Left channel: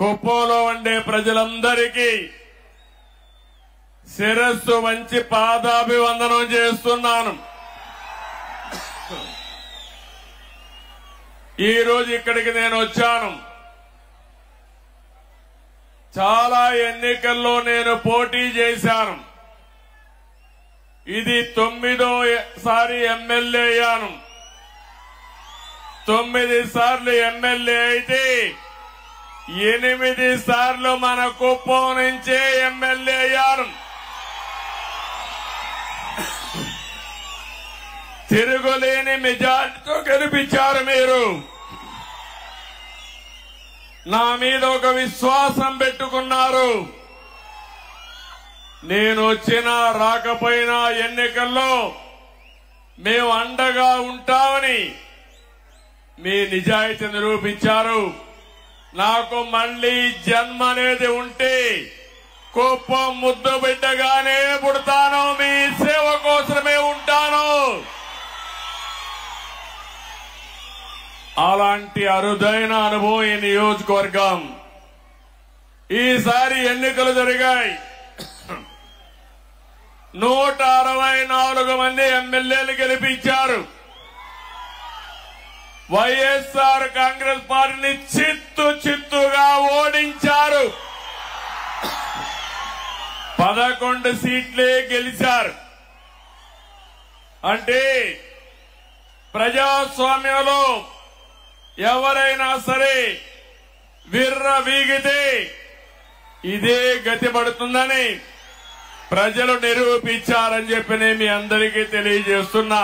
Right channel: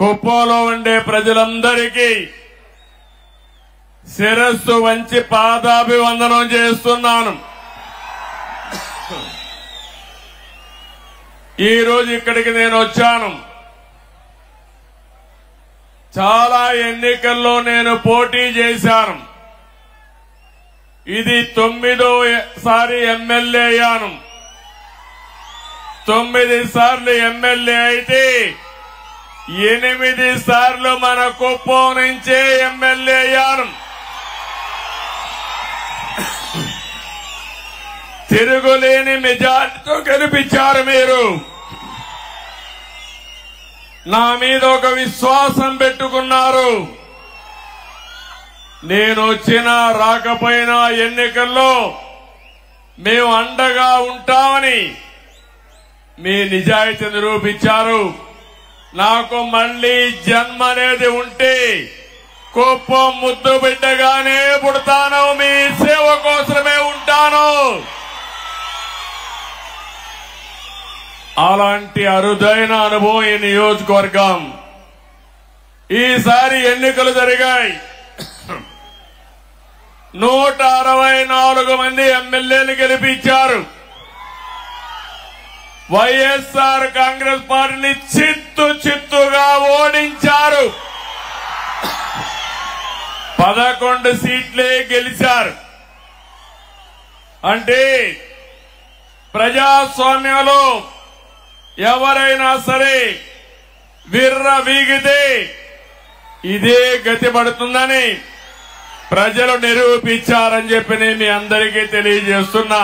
కుప్పంలో ఉండే ప్రజలందరికీ శిరస్సు వంచి పాదాభివందనం చేస్తున్నాను. ఈ రోజు ఇక్కడికి నేను వచ్చాను. చాలా ఎన్నికల్లో నేను పోటీ చేశాను. ఇది 9వ ఎమ్మెల్యే అయ్యాను. 9 సార్లు ఎమ్మెల్యే అయితే 8 సార్లు మన కుప్పం నుంచే ఎమ్మెల్యే అయ్యాను. తిరుగులేని మెజార్టీతో గెలిపించారు మీరు. నా మీద ఒక విశ్వాసం పెట్టుకున్నారు. నేను వచ్చినా రాకపోయినా ఎన్నికల్లో మేము అండగా ఉంటామని మీ నిజాయితీ నిరూపించారు. నాకు మళ్లీ జన్మ అనేది ఉంటే కుప్పం ముద్దు బిడ్డగానే పుడతాను. మీ సేవ కోసమే ఉంటాను. అలాంటి అరుదైన అనుభవం ఈ నియోజకవర్గం. ఈసారి ఎన్నికలు జరిగాయి. 164 మంది ఎమ్మెల్యేలు గెలిపించారు. వైఎస్ఆర్ కాంగ్రెస్ పార్టీని చిత్తుగా ఓడించారు. 11 సీట్లే గెలిచారు. అంటే ప్రజాస్వామ్యంలో ఎవరైనా సరే విర్రవీగితే ఇదే గతి పడుతుందని ప్రజలు నిరూపించారని చెప్పి నేను మీ అందరికీ తెలియజేస్తున్నా.